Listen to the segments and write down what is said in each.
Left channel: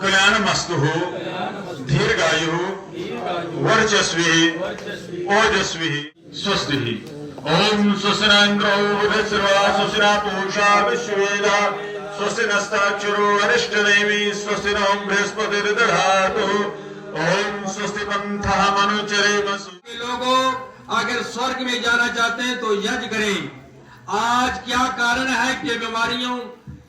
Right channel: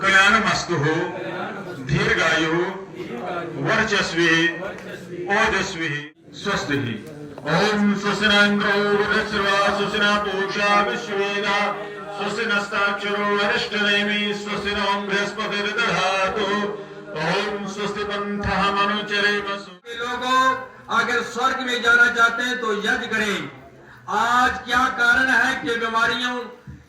कल्याणमस्तु दीर्घायु वर्चस्वी ओजस्वी स्वस्ति। ओम स्वस्ति न इंद्रो वृद्धस्रवा स्वस्ति न पूषा विश्ववेदा स्वस्ति नस्ताक्षरो अरिष्टनेमि स्वस्ति नो बृहस्पतिर्दधातु। ओम स्वस्ति पंथः मनुचरेम। लोगों अगर स्वर्ग में जाना चाहते हैं तो यज्ञ करें। आज क्या कारण है कि बीमारियों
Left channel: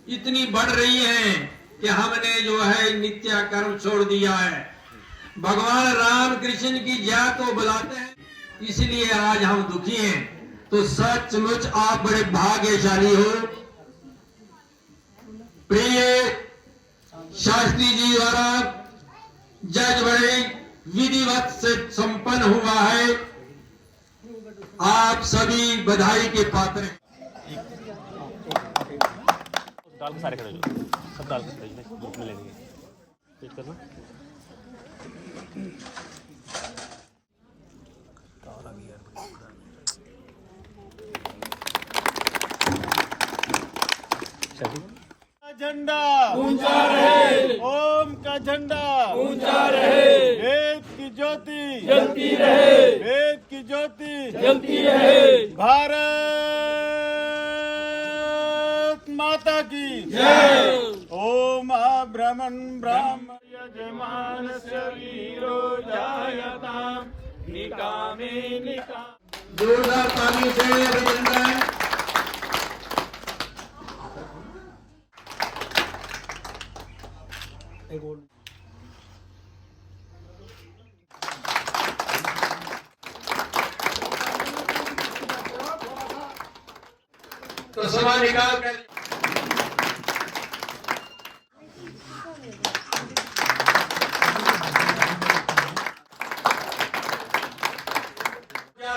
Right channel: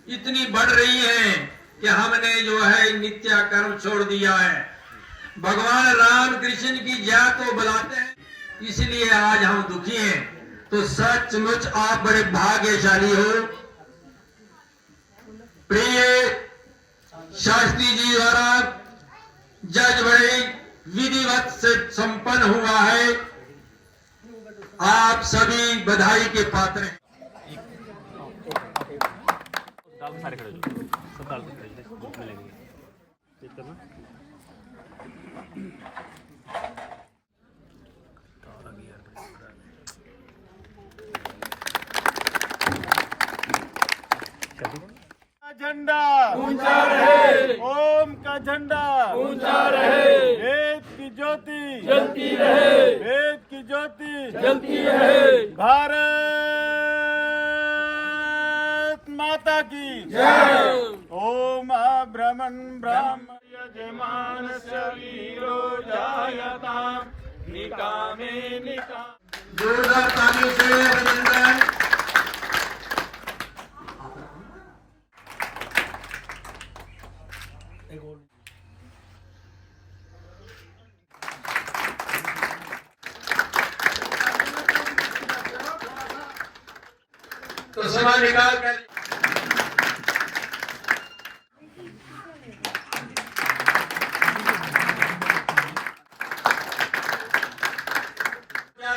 इतनी बढ़ रही हैं कि हमने जो है नित्य कर्म छोड़ दिया है। भगवान राम कृष्ण की जय तो बुलाते हैं, इसलिए आज हम दुखी हैं। तो सचमुच आप बड़े भाग्यशाली हो। प्रिय शास्त्री जी द्वारा जज बड़े विधिवत से संपन्न हुआ है। आप सभी बधाई के पात्र हैं। झंडा ऊंचा रहे, ओम का झंडा ऊंचा रहे, वेद की ज्योति जलती रहे, वेद की ज्योति जलती रहे। भारत माता की जय। ओम ब्रह्मण ब्राह्मण यजमानस्य वीरो जायताम निकामे निकाम। जोरदार तालियों से अभिनंदन। तो सभा निकाल कर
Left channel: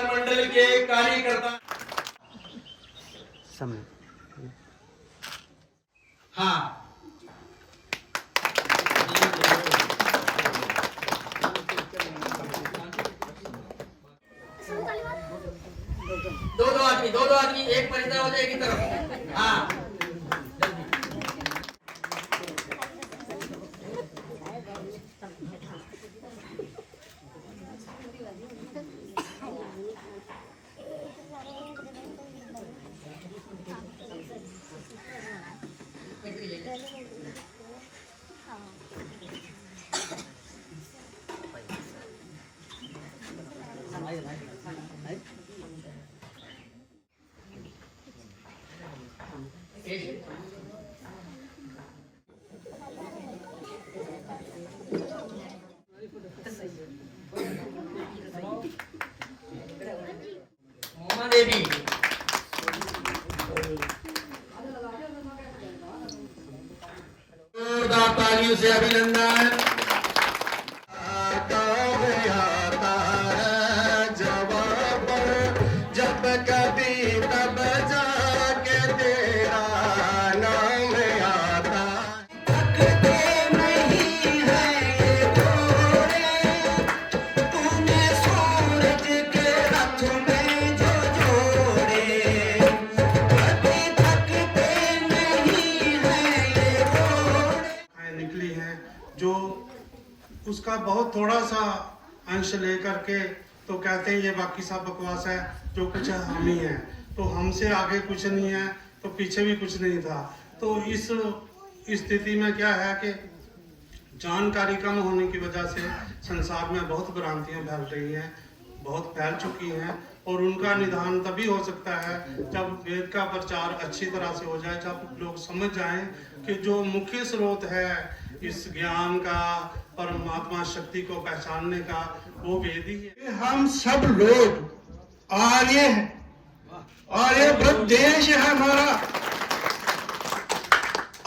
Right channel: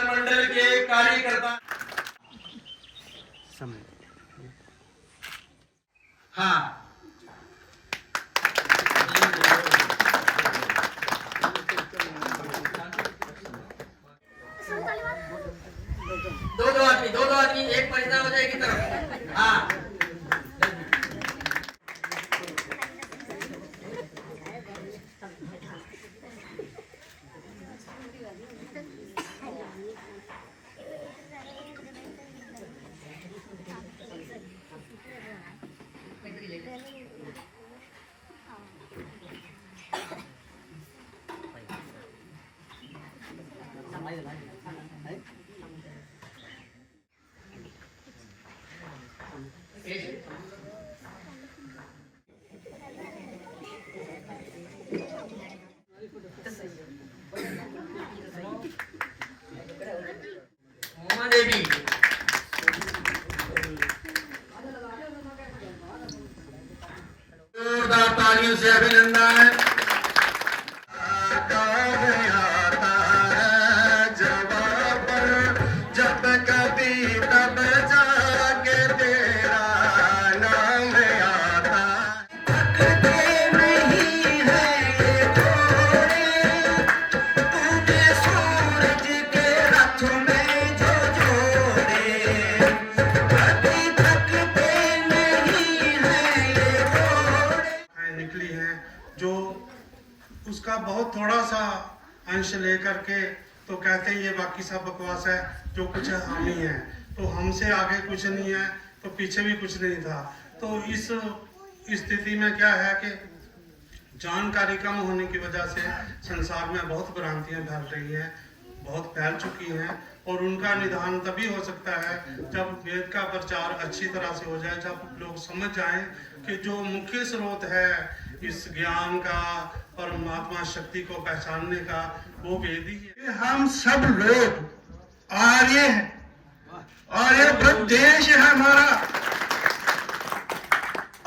मंडल के कार्यकर्ता हाँ दो आदमी एक परिचय हो जाएगी तरफ। हाँ देवी जोरदार तालियों से अभिनंदन। जब कभी तब जाके तेरा नाम आता। थकते नहीं है घोड़े, तूने सूरज के रथ में जो जोड़े। कभी थकते नहीं है घोड़े। निकली है जो उसका बहुत थोड़ा सा अंश लेकर के तो कहते हैं ये बाकी सब बकवास है, जो कुछ है हम ही है। तो हमसे आगे कुछ नहीं है तो पीछे भी कुछ नहीं था। तो इस स्थिति में क्या है कि जानकारी कम होने की वजह से संसार में बहुत भ्रांतियां फैल रही हैं, बहुत फैल चुकी हैं। और उनका निदान तभी हो सकता है जब वेद का प्रचार अच्छी तरह से हो जाए, जब लोग समझ जाएं कि जो मुख्य स्रोत है इस ज्ञान का, परमात्मा शक्ति को पहचानने का, वो वेद ही है। हम सब लोग आर्य हैं, आर्यभट्ट देश है हमारा।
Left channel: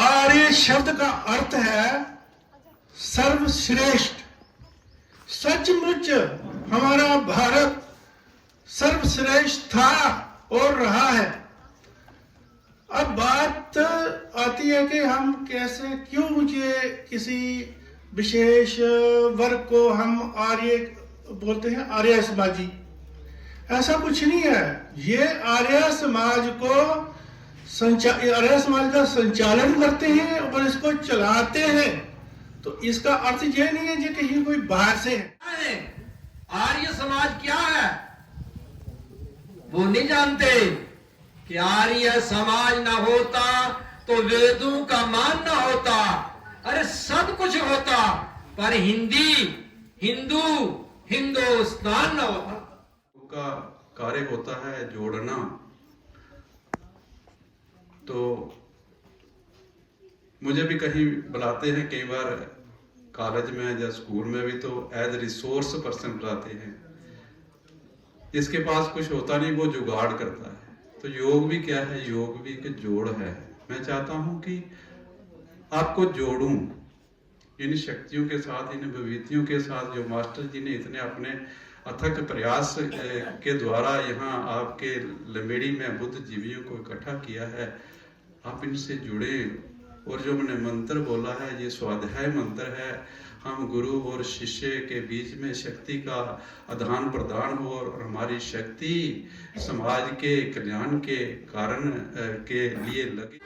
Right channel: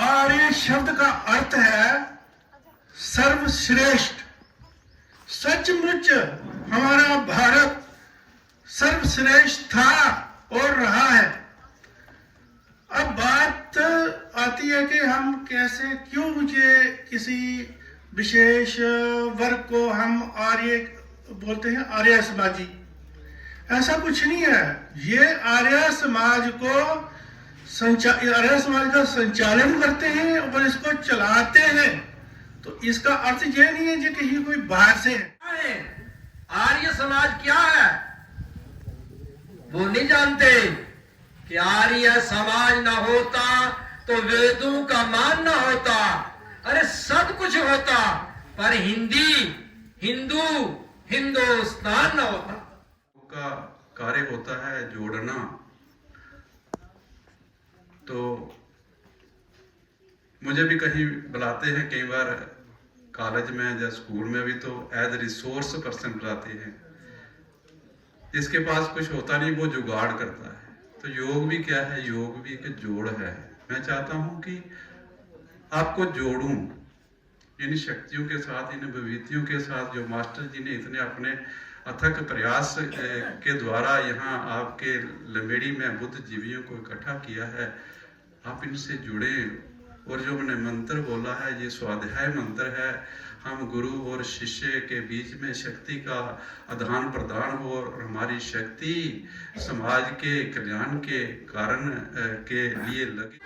आर्य शब्द का अर्थ है सर्वश्रेष्ठ। सचमुच हमारा भारत सर्वश्रेष्ठ था और रहा है। अब बात आती है कि हम कैसे, क्यों ये किसी विशेष वर्ग को हम आर्य बोलते हैं, आर्य समाजी। ऐसा कुछ नहीं है। ये आर्य समाज को आर्य समाज का संचालन करते हैं और इसको चलाते हैं। तो इसका अर्थ यह नहीं है कि कहीं कोई बाहर से है। आर्य समाज क्या है वो नहीं जानते कि आर्य समाज ना होता तो वेदों का मान ना होता, अरे सब कुछ होता, पर हिंदू हिंदुस्तान ना होता। का कार्य होता है जोड़ना। तो मुझे भी कहीं बुलाते हैं, कई बार कॉलेज में या स्कूल में भी तो एज रिसोर्स पर्सन बुलाते हैं। जिसके पास कुछ होता नहीं वो जुगाड़ करता है। तो योग भी क्या है, योग भी एक जोड़ है। मैं चाहता हूं कि आपको जोड़ूं इन शक्तियों के साथ, इन विभूतियों के साथ जो मास्टर जी ने इतने अपने अथक प्रयास के द्वारा यहाँ आपके लंबेड़ी में बुद्ध जीवियों को इकट्ठा किया है। आप इनसे जुड़े। और जो मैंने मंत्र बोला है ये स्वाध्याय मंत्र है। हम गुरु और शिष्य के बीच में शक्ति का आदान प्रदान हो और हमारी शक्ति समाज के कल्याण के कारण के लिए लगे।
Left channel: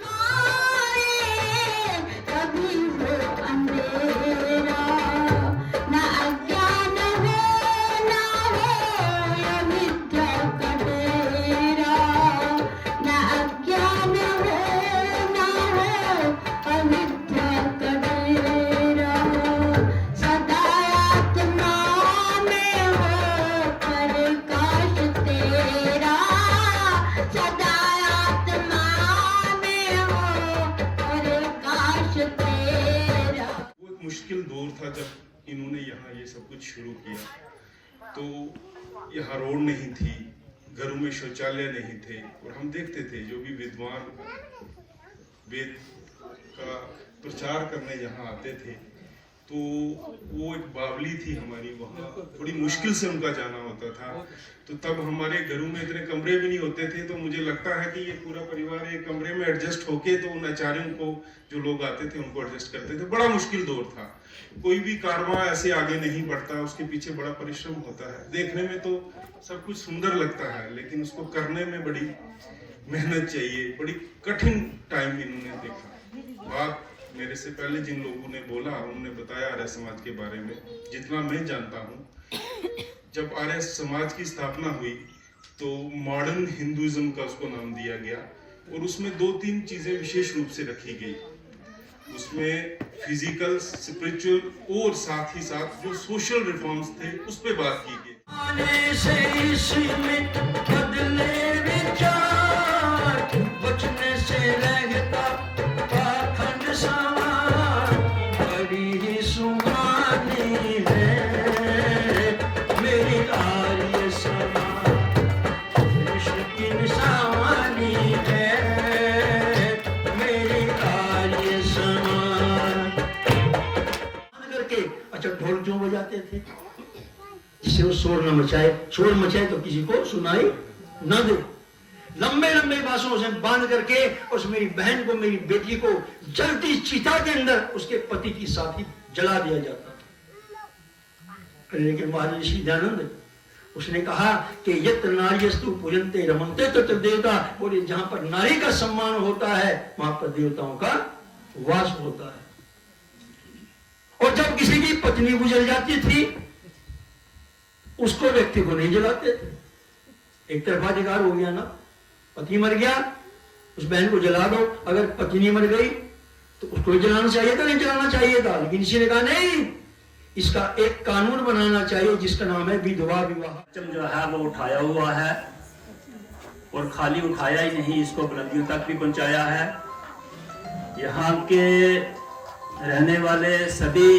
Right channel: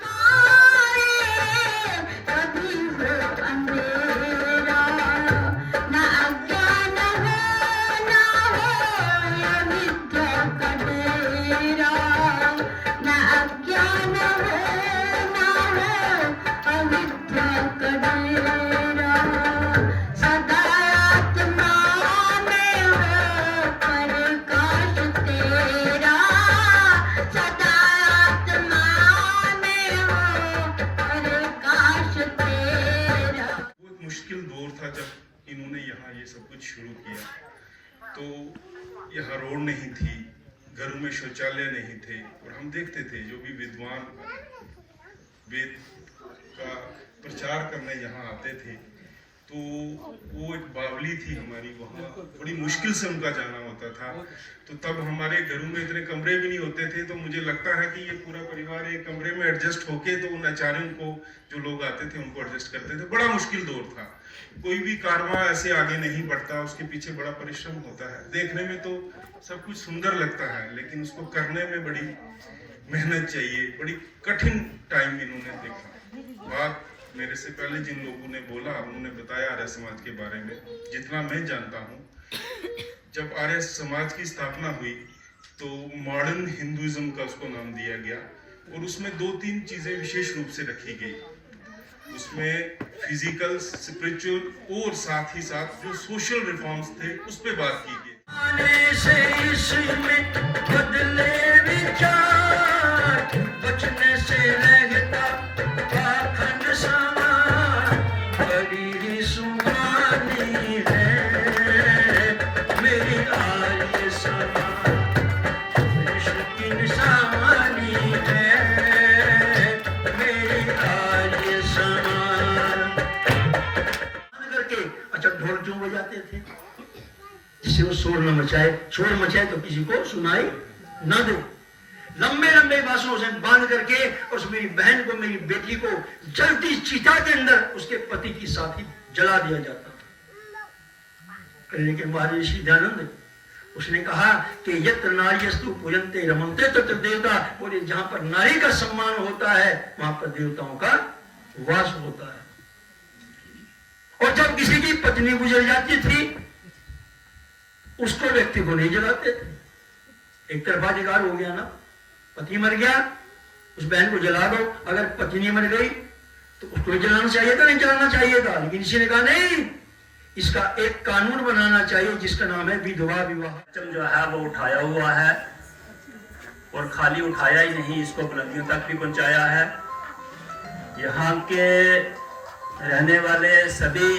मुश्किल दौर था जब इन्होंने यहाँ ये सब कुछ शुरू किया। तो यहाँ रोड नहीं थी, घरों में शौचालय नहीं थे, और हम देखते थे जो भी विद्वान वेद का प्रचार करने यहाँ आते थे तो वो एक बावली थी हमारी, वहाँ बड़ी मुश्किल से उनका जाना होता था। तो तब हमारे घरों में इतने कमरे भी नहीं होते थे। तो मुझे लगता है कि ये पूरा परिवार एक कमरे में एडजस्ट होके तो उन आचार्यों को जो लोग आते थे उनको एडजस्ट करते थे। बड़ा मुश्किल दौर था। कोई भी कारवां ऐसे आगे नहीं बढ़ता, उसके पीछे बड़ा परिश्रम होता है। देखने में तो सब कुछ सुंदर लगता है लेकिन उसको करने में बड़ी मेहनत चाहिए। बड़ी कठिन टाइम इन्होंने देखा। बात मेरे से पहले जिन लोगों ने बोला उन्होंने बताया आर्य समाज के बारे में। जितना मैं जानता हूँ, जब आर्य समाज की स्थापना हुई तो मॉडर्न हिंदुइज्म का उसको नाम दिया गया और उसमें 2-3 चीजें विशेष रूप से रखी गई। उसमें फिजिकल, स्पिरिचुअल और साथ ही साथ जो सोशल रिफॉर्म्स थे उस पे बात की गई। अच्छा ढोल क्यों बजाते थे? जिससे वो शोर न मचाए, शोर मचाए तो किसी को सुनाई न दे। लंबे लंबे बांसुओं से बांध करके उस मेरी बहन को, मेरी बेटी को जलती चिता के अंदर उसके पति की साथी जला दिया जाता था। लेकिन महर्षि दयानंद उसने कहा कि यत्र नार्यस्तु पूजन्ते रमन्ते तत्र देवता। बोले जहां पर नारी का सम्मान होता है वहां पर देवताओं का वास होता है। और जब किसी की पत्नी गुजर जाती थी उसको व्यक्ति को नहीं जलाते थे। एक तरफा अधिकार हो गया ना, पति मर गया उस बहन को जला दो। अगर पत्नी मर गई तो उसको जलाना चाहिए था, नहीं जलाना चाहिए था। लेकिन इसी ने कहा नहीं, इसका एक कानून बनाना चाहिए जिसका नाम है विधवा विवाह। जो है वो उठाया हुआ है और खाली उठाया ही नहीं, इसको बुलंदियों तक भी पहुंचाया है। यहाँ के रहने वाले सभी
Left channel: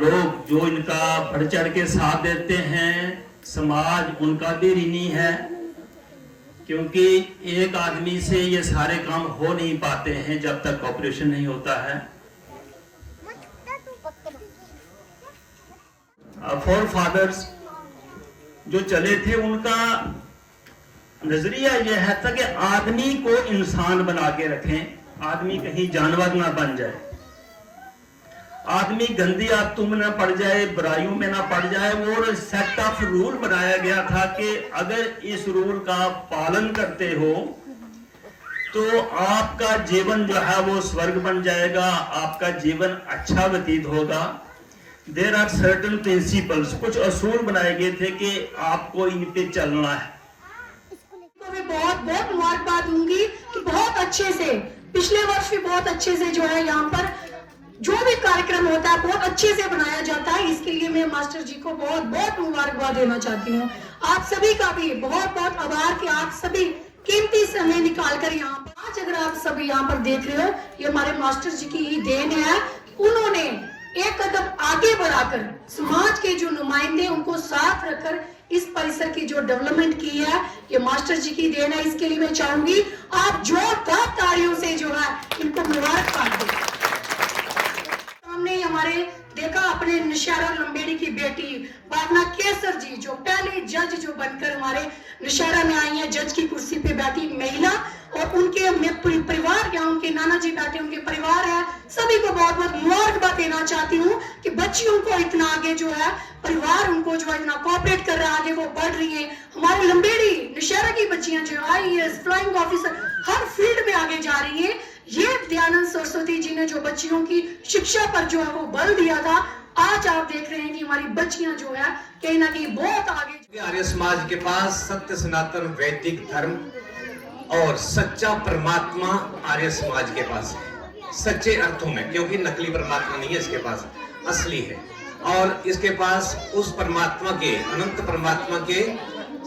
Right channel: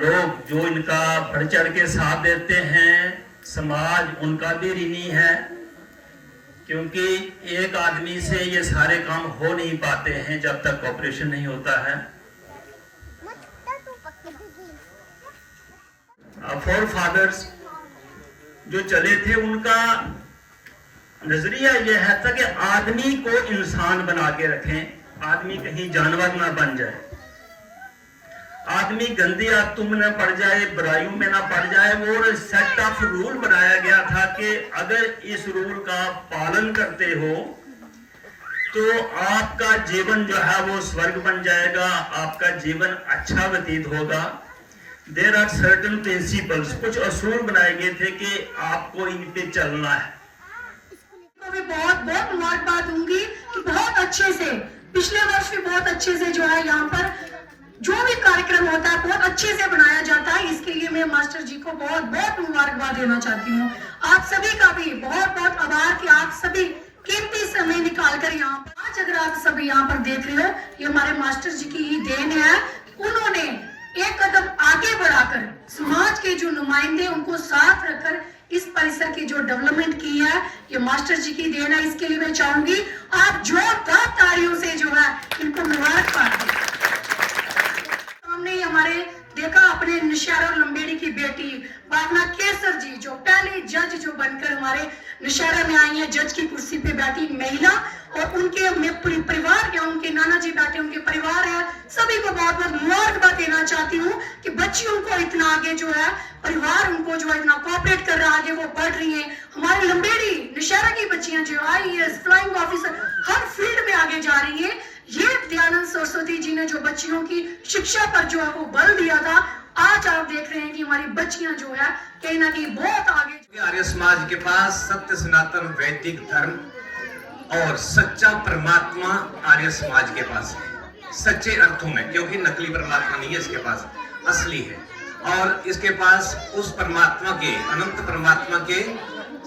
लोग जो इनका बढ़ चढ़ के साथ देते हैं, समाज उनका भी ऋणी है, क्योंकि एक आदमी से ये सारे काम हो नहीं पाते हैं जब तक कॉपरेशन नहीं होता है। फोर फादर्स जो चले थे उनका नजरिया यह है था कि आदमी को इंसान बना के रखें, आदमी कहीं जानवर ना बन जाए, आदमी गंदी आदतों में ना पड़ जाए, बुराइयों में ना पड़ जाए। वो सेट ऑफ रूल बनाया गया था कि अगर इस रूल का पालन करते हो तो आपका जीवन जो है वो स्वर्ग बन जाएगा, आपका जीवन अच्छा व्यतीत होगा। देयर आर सर्टेन प्रिंसिपल्स, कुछ असूल बनाए गए थे कि आपको इन पे चलना है। को भी बहुत बहुत मुबारकबाद दूंगी कि बहुत अच्छे से, पिछले वर्ष भी बहुत अच्छे से जो है यहाँ पर जो भी कार्यक्रम होता है बहुत अच्छे से बनाया जाता है। इसके लिए मैं मास्टर जी को बहुत बहुत मुबारकबाद देना चाहती हूँ। आप सभी का भी बहुत बहुत आभार कि आप सभी कीमती समय निकाल कर यहाँ पर, आज अगर आप सभी यहाँ पर देख रहे हो, ये हमारे मास्टर जी की ही देन है। उन्होंने एक कदम आगे बढ़ाकर समाज के जो नुमाइंदे उनको साथ रखकर इस परिसर की जो डेवलपमेंट की है, ये मास्टर जी की देन है। इसके लिए मैं चाहूंगी आप जोरदार तालियों से जो है इनको मुबारकबाद दें। हमने हमारे देखा अपने नौशहरा लंबेड़ी की बेटी भावना केसर जी, जो पहले जज जो बनकर हमारे नौशहरा में आई है, जज की कुर्सी पे बैठी महिला, और उनके मैं पूरी परिवार या उनके नाना जी बैठे, उनके परिवार है, सभी को बहुत बहुत मुबारकबाद देना चाहती हूँ कि बच्चियों को इतना आगे जो है परिवार उनको जो है इतना कोऑपरेट कर रहा है, आगे वो बढ़ रही है। हमारी लंबेड़ी नौशहरा की बच्चियां जो IAS, फ्लाइंग ऑफिसर, हर फील्ड में आगे जा रही है। ये दयानंद सरस्वती जी ने जो बच्चियों की शिक्षा पर जो है वो बल दिया था, आज आप देख रहे हैं कि हमारी बच्चियां जो है कहीं ना कहीं बहुत आगे। आर्य समाज के पास सत्य सनातन वैदिक धर्म और सच्चा परमात्मा आर्य समाज के पास है, सच्चे अर्थों में, क्योंकि नकली परमात्मा नहीं है इसके पास, असली है। और इसके पास उस परमात्मा के, अनंत परमात्मा के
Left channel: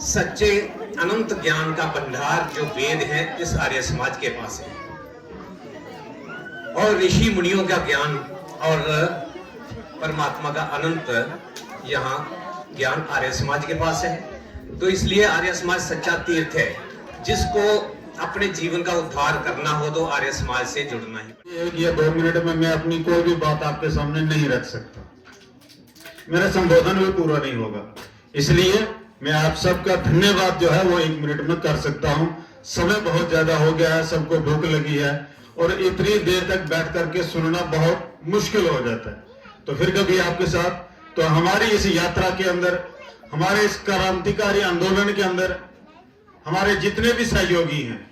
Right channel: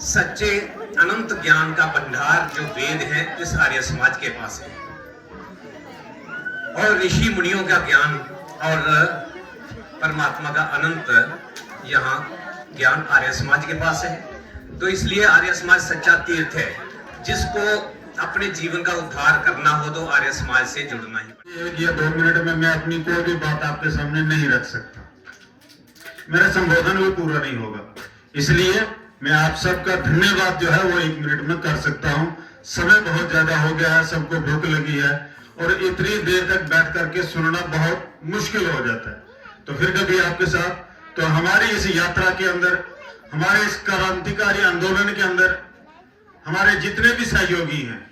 सच्चे अनंत ज्ञान का भंडार जो वेद है, इस आर्य समाज के पास है। और ऋषि मुनियों का ज्ञान और परमात्मा का अनंत यहाँ ज्ञान आर्य समाज के पास है। तो इसलिए आर्य समाज सच्चा तीर्थ है। जिसको अपने जीवन का उद्धार करना हो तो आर्य समाज से जुड़ना ही। 1 या 2 मिनट में मैं अपनी कोई भी बात आपके सामने नहीं रख सकता, मेरा संबोधन भी पूरा नहीं होगा। इसलिए मैं आप सबका धन्यवाद जो है वो 1 मिनट में कर सकता हूँ। समय बहुत ज्यादा हो गया है, सबको भूख लगी है और इतनी देर तक बैठ करके सुनना बहुत मुश्किल हो जाता है। तो फिर कभी आपके साथ, तो हमारी इस यात्रा के अंदर, हमारे इस क्रांतिकारी आंदोलन के अंदर हमारे जितने भी सहयोगी हैं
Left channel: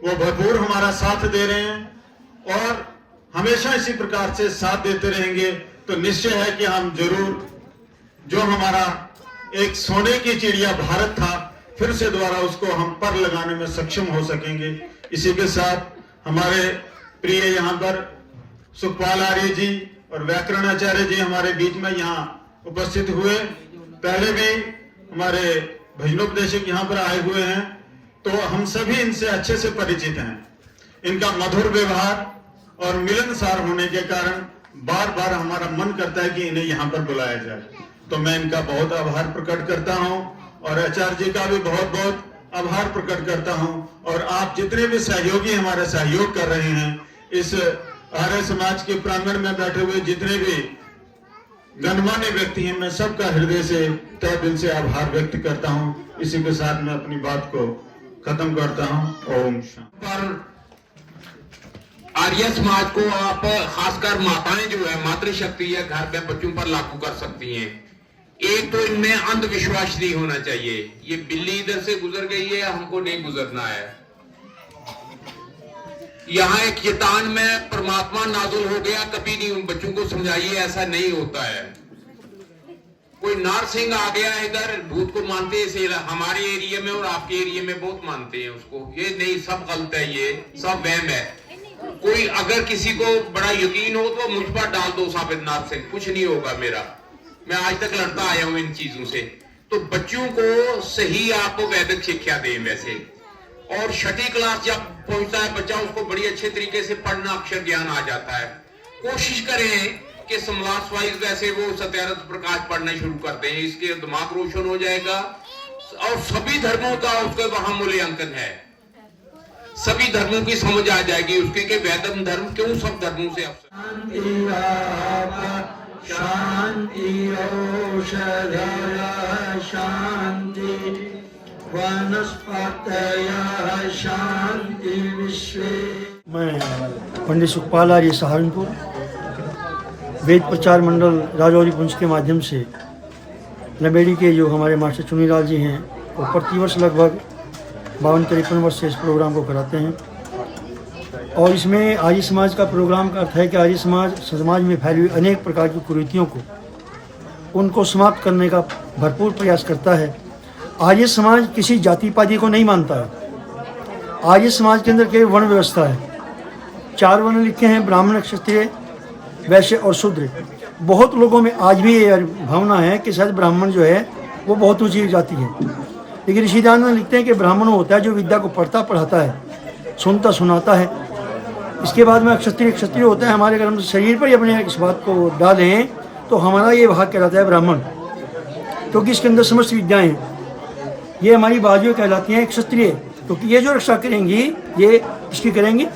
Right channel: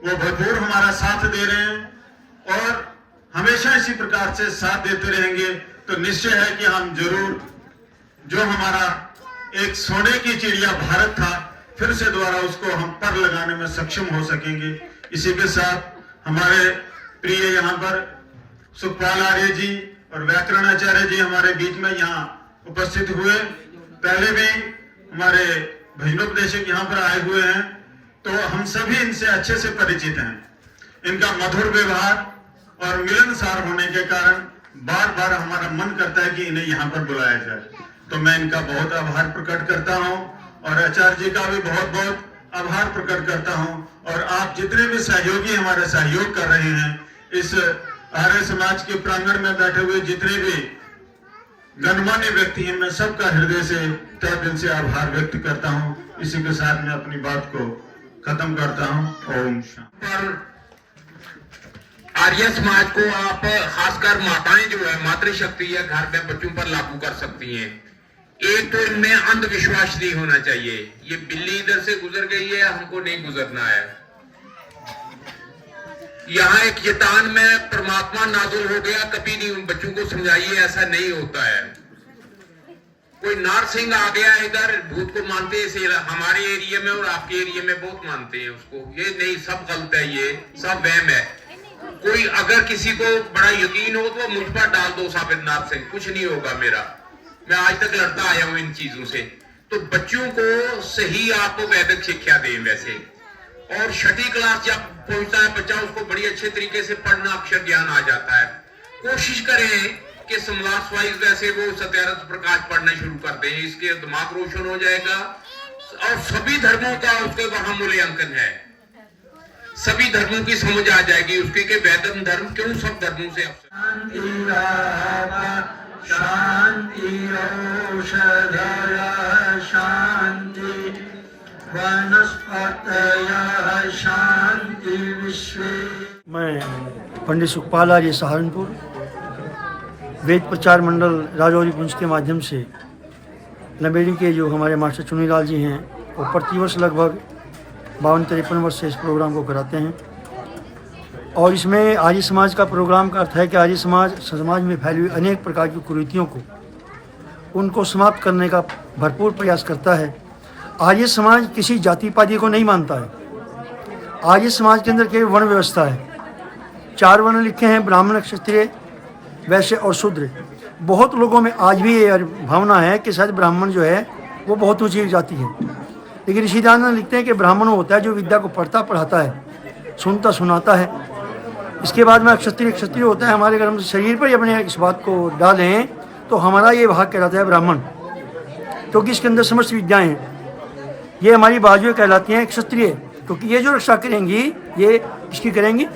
वो भरपूर हमारा साथ दे रहे हैं और हमेशा इसी प्रकार से साथ देते रहेंगे। तो निश्चय है कि हम जरूर जो हमारा एक सोने की चिड़िया भारत था, फिर से दोबारा उसको हम पर लगाने में सक्षम हो सकेंगे। इसी के साथ हमारे प्रिय यहाँ पर सुखपाल आर्य जी और व्याकरणाचार्य जी हमारे बीच में यहाँ उपस्थित हुए। पहले भी हमारे भजनोपदेशक यहाँ पर आए हुए हैं, तो हम सभी इनसे अच्छे से परिचित हैं। इनका मधुर व्यवहार और मिलनसार होने के कारण बार बार हमारा मन करता है कि इन्हें यहाँ पर बुलाया जाए। तो मैं इनका बहुत आभार प्रकट करता हूँ और आचार्य जी का भी बहुत बहुत आभार प्रकट करता हूँ। और आप जितने भी सहयोगी हमारे सहयोग कर रहे हैं, इस आर्य समाज के प्रांगण में बैठे हुए जितने भी गणमान्य व्यक्ति हैं, मैं सबका हृदय से, तहे दिल से आभार व्यक्त करता हूँ। इसी के साथ मैं अपनी बात को खत्म करता हूँ। ओम शांति। आर्य समाज को आप खासकर माताएं जो है, मातृशक्ति है, घर में बच्चों पर लागू कर सकती हैं। एक तो इनमें अंधविश्वास नहीं होना चाहिए, ये बिल्ली इधर से गुजर गई है, हमको नहीं गुजरना है। यहाँ एक शैतान में परमात्मा नाजुल हो गया, कभी नहीं उन बच्चों को समझाइए, ऐसा नहीं होता है। कोई नारसिंह आ गया इधर, भूत को मानते हैं हमारे एरिया में और आपके एरिया में बहुत मानते हैं उसको, ये नहीं, सब गलत है, ये सब वहम है। कोई अगर किसी को बड़ा यकीन हो तो मुझ पर डाल दो साबित नारसिंह, कुछ नहीं होगा मेरा, मैं आज तक लड़ता आया हूं इन चीजों से। तो बच्चों को सही आपको वैदिक शिक्षा दें वैसे, और 6ठी क्लास जब पहुंचता है बच्चा, उसको बड़ी अच्छे तरीके से पढ़ना, अक्षर ज्ञान आ जाता है। कोशिश करें कि समाज वाइज वैसे वो सत्यार्थ प्रकाश पढ़ना शुरू कर दें, इसके दिमाग रोशन हो जाएगा और सभी धर्मों का उसके वहां मूल्यांकन है, सभी धर्मों की समझ आ जाएगी उसके कि वैदिक धर्म क्यों सब धर्मों से शांति शांति वनस्पतयः शांति विश्वे। मैं पंडित सुखपाल आर्य सहारनपुर वेद प्रचार मंडल राजौरी पुंज के माध्यम से लंबेड़ी के जो हमारे मास्टर चुनीलाल जी हैं, वो प्रतिवर्ष लगभग 52-53 वर्ष से इस प्रोग्राम को कराते हैं। और इसमें आर्य समाज का प्रोग्राम का अर्थ है कि आर्य समाज में फैली हुई अनेक प्रकार की कुरीतियों को उनको समाप्त करने का भरपूर प्रयास करता है। आर्य समाज किसी जाति पाति को नहीं मानता है। आर्य समाज के अंदर केवल वर्ण व्यवस्था है। 4 वर्ण लिखे हैं, ब्राह्मण, क्षत्रिय, वैश्य और शूद्र। बहुत लोगों में आज भी ये भावना है कि शायद ब्राह्मण जो है वो बहुत ऊंची जाति है, लेकिन ऋषि दयानंद लिखते हैं कि ब्राह्मण होता है जो विद्या को पढ़ता पढ़ाता है, सुनता सुनाता है। इसके बाद में क्षत्रिय होता है। हमारे अगर हम शरीर पर ही अपने इस बात को डालें तो हमारा ये भाग कहलाता है ब्राह्मण, क्योंकि इसके अंदर समस्त विद्याएं हैं। ये हमारी बाजुएं कहलाती हैं क्षत्रिय, क्योंकि ये जो रक्षा करेंगी ये इसकी करेंगी,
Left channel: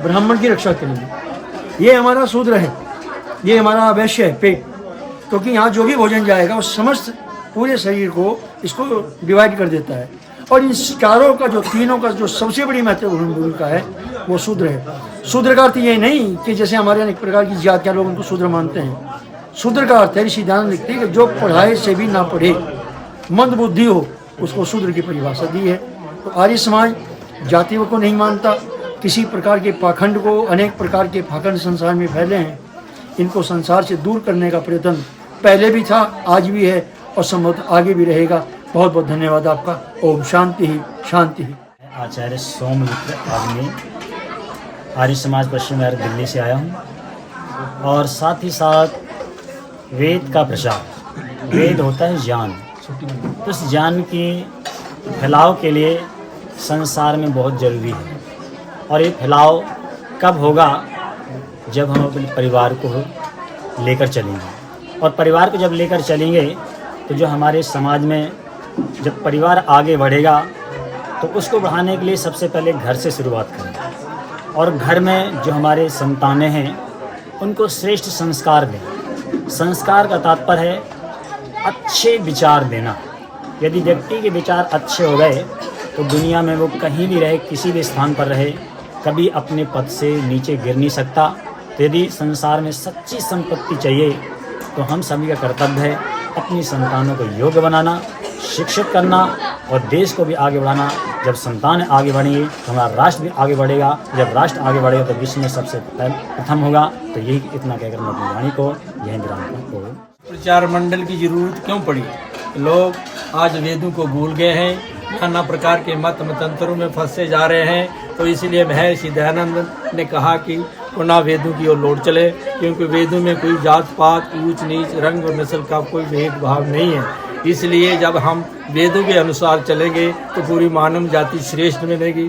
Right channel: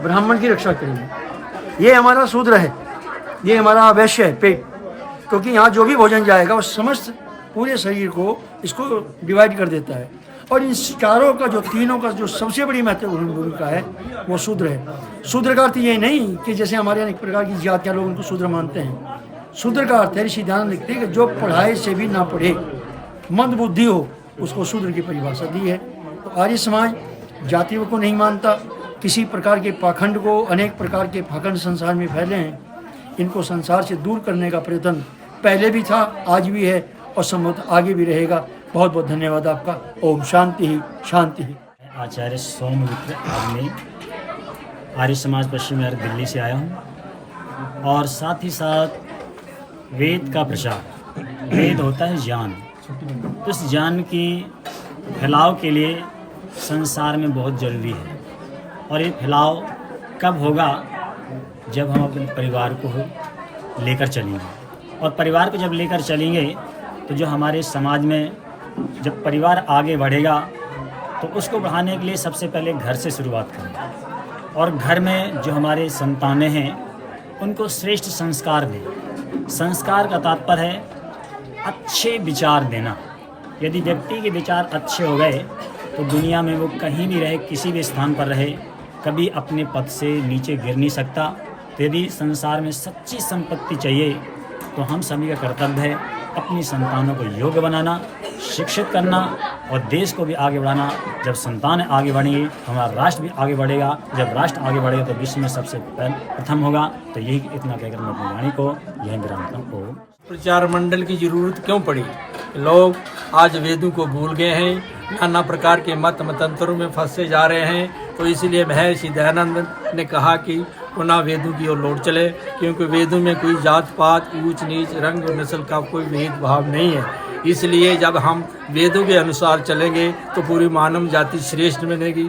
ब्राह्मण की रक्षा करेंगी। ये हमारा शूद्र है, ये हमारा वैश्य है, पेट, क्योंकि यहाँ जो भी भोजन जाएगा वो समस्त पूरे शरीर को इसको डिवाइड कर देता है। और इन चारों का जो तीनों का जो सबसे बड़ी महत्वपूर्ण भूमिका है वो शूद्र है। शूद्र का अर्थ ये नहीं कि जैसे हमारे अनेक प्रकार की जातियाँ लोग उनको शूद्र मानते हैं। शूद्र का अर्थ है, ऋषि दयानंद लिखते हैं कि जो पढ़ाए से भी ना पढ़े, मंद बुद्धि हो, उसको शूद्र की परिभाषा दी है। तो आर्य समाज जातियों को नहीं मानता, किसी प्रकार के पाखंड को, अनेक प्रकार के पाखंड संसार में फैले हैं, इनको संसार से दूर करने का प्रयत्न पहले भी था, आज भी है और संभवतः आगे भी रहेगा। बहुत बहुत धन्यवाद आपका। ओम शांति ही शांति ही। आचार्य सोममित्र आदमी, आर्य समाज पश्चिम बिहार दिल्ली से आया हूँ। और साथ ही साथ वेद का प्रचार, वेद होता है ज्ञान, उस ज्ञान की फैलाव के लिए संसार में बहुत ज़रूरी है। और ये फैलाव कब होगा? जब हम अपने परिवार को लेकर चलेंगे। और परिवार को जब लेकर चलेंगे तो जो हमारे समाज में जब परिवार आगे बढ़ेगा तो उसको बढ़ाने के लिए सबसे पहले घर से शुरुआत करें। और घर में जो हमारे संतानें हैं उनको श्रेष्ठ संस्कार दें। संस्कार का तात्पर्य है अच्छे विचार देना। यदि व्यक्ति के विचार अच्छे हो गए तो दुनिया में वो कहीं भी रहे, किसी भी स्थान पर रहे, कभी अपने पद से नीचे गिर नहीं सकता। तो यदि संसार में सच्ची संपत्ति चाहिए तो हम सभी का कर्तव्य है अपनी संतानों को योग्य बनाना, शिक्षित करना और देश को भी आगे बढ़ाना। जब संतान आगे बढ़ेंगे तो हमारा राष्ट्र भी आगे बढ़ेगा। जब राष्ट्र आगे बढ़ेगा तो विश्व में सबसे प्रथम होगा। तो यही इतना कहकर मैं अपनी वाणी को यहीं विराम करता हूँ। प्रचार मंडल की जरूरत क्यों पड़ी? लोग आज वेदों को भूल गए हैं, नाना प्रकार के मतंतरों में फंसे जा रहे हैं। तो इसलिए महर्षि दयानंद ने कहा कि पुनः वेदों की ओर लौट चले, क्योंकि वेदों में कोई जात पात, ऊंच नीच, रंग और नस्ल का कोई भेदभाव नहीं है। इसलिए जब हम वेदों के अनुसार चलेंगे तो पूरी मानव जाति श्रेष्ठ बनेगी।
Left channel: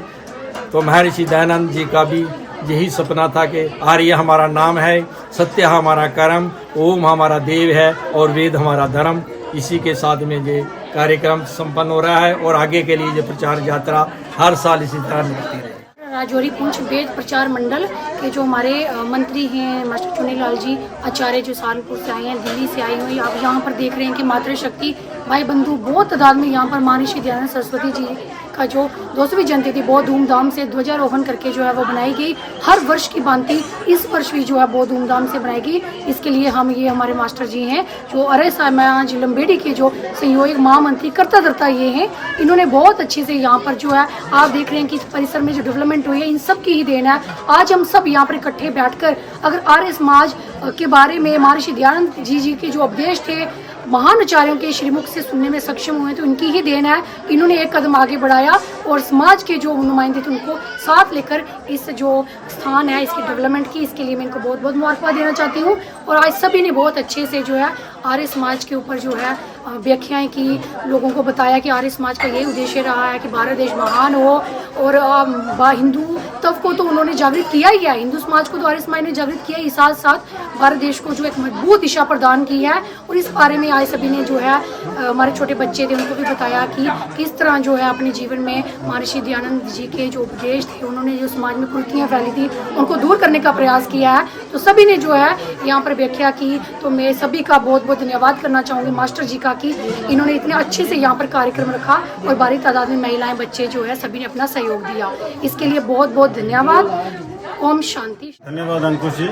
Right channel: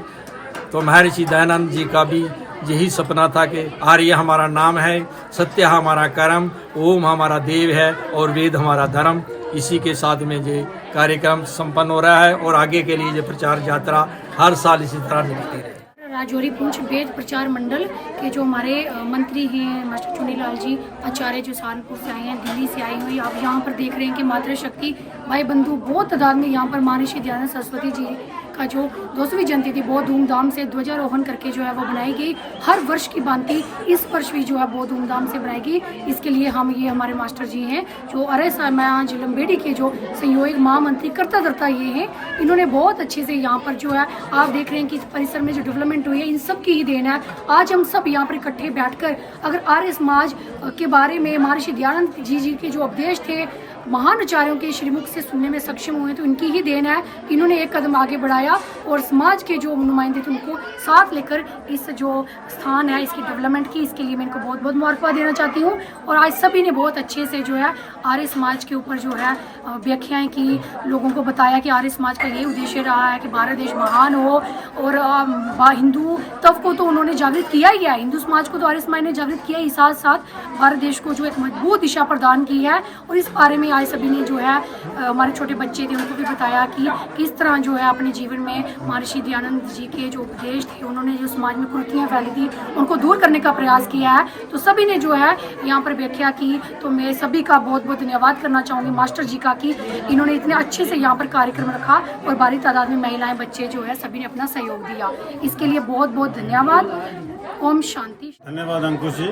तो महर्षि दयानंद जी का भी यही सपना था कि आर्य हमारा नाम है, सत्य हमारा कर्म, ओम हमारा देव है और वेद हमारा धर्म। इसी के साथ में ये कार्यक्रम संपन्न हो रहा है और आगे के लिए ये प्रचार यात्रा हर साल इसी तरह निकलती रहे। राजौरी पुंछ वेद प्रचार मंडल के जो हमारे मंत्री हैं मास्टर चुनीलाल जी आचार्य, जो सहारनपुर से आए हैं, दिल्ली से आए हैं। आप यहाँ पर देख रहे हैं कि मातृशक्ति भाई बंधु बहुत तादाद में यहाँ पर महर्षि दयानंद सरस्वती जी का जो 200वीं जयंती थी बहुत धूमधाम से ध्वजारोहण करके जो है वो बनाई गई। हर वर्ष की भांति इस वर्ष भी जो है बहुत धूमधाम से बनाएगी। इसके लिए हम ये हमारे मास्टर जी हैं जो आर्य समाज लंबेड़ी के जो संयोजक महामंत्री करता ये हैं। इन्होंने बहुत अच्छे से यहाँ पर जो है आप देख रहे हैं कि इस परिसर में जो डेवलपमेंट हुई है इन सब की ही देन है। आज हम सब यहाँ पर इकट्ठे बैठकर अगर आर्य समाज के बारे में महर्षि दयानंद जी के जो उपदेश थे महान आचार्यों के श्रीमुख से सुनने में सक्षम हुए तो उनकी ही देन है। इन्होंने एक कदम आगे बढ़ाया और समाज के जो नुमाइंदे थे उनको साथ लेकर इस जो स्थान है इसकी डेवलपमेंट की, इसके लिए मैं इनको बहुत बहुत मुबारकबाद देना चाहती हूँ। और आज सभी ने बहुत अच्छे से जो है आर्य समाज के ऊपर जो है व्याख्याएं की, लोगों को बताया कि आर्य समाज का यही उद्देश्य रहा है कि भारत देश महान हो। और हिंदू तब को तो उन्होंने जागृत किया ही है, हिंदू समाज को तो आर्य समाज ने जागृत किया ही, साथ साथ भारत देश को जो एक मजबूत दिशा प्रदान की है। और इस बारे में आए सभी ने जो है हमारे छोटे बच्चे थे उनको भी बताया कि किस तरह जो है अपने जीवन में महर्षि दयानंद जी के जो उपदेश थे उन्होंने जो समाज में कुरीतियाँ फैली थी उनको दूर करने का प्रयास किया है। तो सभी ने जो है यहाँ पर व्याख्या की। तो मैं सभी का बहुत बहुत धन्यवाद करना चाहूँगी मास्टर जी का कि इन्होंने इतने अच्छे से यहाँ पर कार्यक्रम रखा और बड़ी तादाद में महिलाएं बच्चे जो है सभी ने अपना सहयोग दिया। इसके लिए बहुत बहुत धन्यवाद। ओम शांति। धन्यवाद अंकुश जी,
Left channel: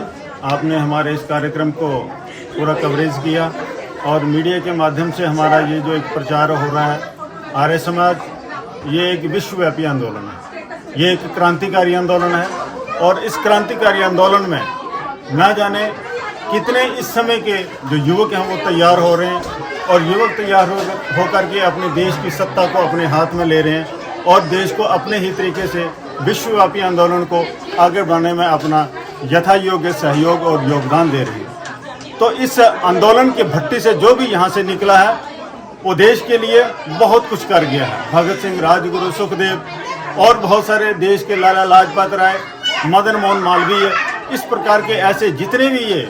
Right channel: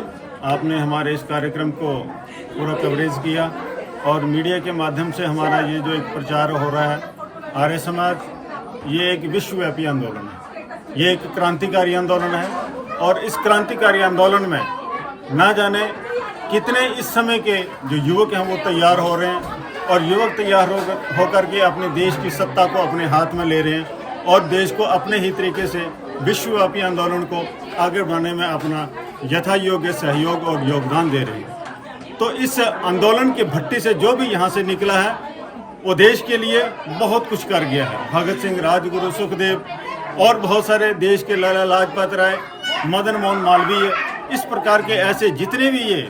आपने हमारे इस कार्यक्रम को पूरा कवरेज किया और मीडिया के माध्यम से हमारा ये जो एक प्रचार हो रहा है आर्य समाज, ये एक विश्वव्यापी आंदोलन है, ये एक क्रांतिकारी आंदोलन है और इस क्रांतिकारी आंदोलन में ना जाने कितने इस समय के जो युवक हैं वो तैयार हो रहे हैं और युवक तैयार होकर के अपने देश की सत्ता को अपने हाथ में ले रहे हैं और देश को अपने ही तरीके से विश्वव्यापी आंदोलन को आगे बढ़ाने में अपना यथा योग्य सहयोग और योगदान दे रहे हैं। तो इस आंदोलन के भट्टी से जो भी यहाँ से निकला है वो देश के लिए बहुत कुछ कर गया है। भगत सिंह, राजगुरु, सुखदेव और बहुत सारे देश के लाला लाजपत राय, मदन मोहन मालवीय, इस प्रकार के ऐसे जितने भी ये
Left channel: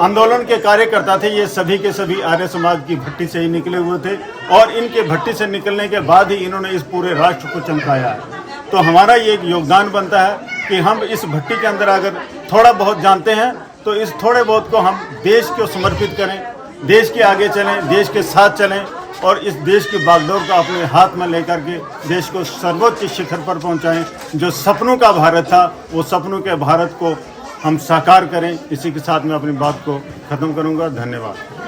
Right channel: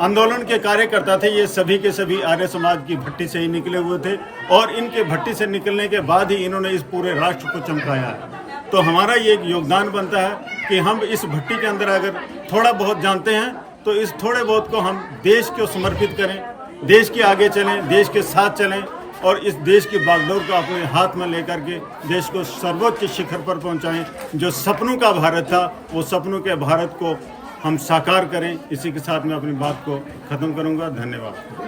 आंदोलन के कार्यकर्ता थे, ये सभी के सभी आर्य समाज की भट्टी से ही निकले हुए थे और इनके भट्टी से निकलने के बाद ही इन्होंने इस पूरे राष्ट्र को चमकाया है। तो हमारा ये एक योगदान बनता है कि हम इस भट्टी के अंदर अगर थोड़ा बहुत जानते हैं तो इस थोड़े बहुत को हम देश को समर्पित करें, देश के आगे चलें, देश के साथ चलें और इस देश की बागडोर को अपने हाथ में लेकर के देश को सर्वोच्च शिखर पर पहुंचाएं। जो सपनों का भारत था वो सपनों के भारत को हम साकार करें। इसी के साथ मैं अपनी बात को खत्म करूंगा। धन्यवाद।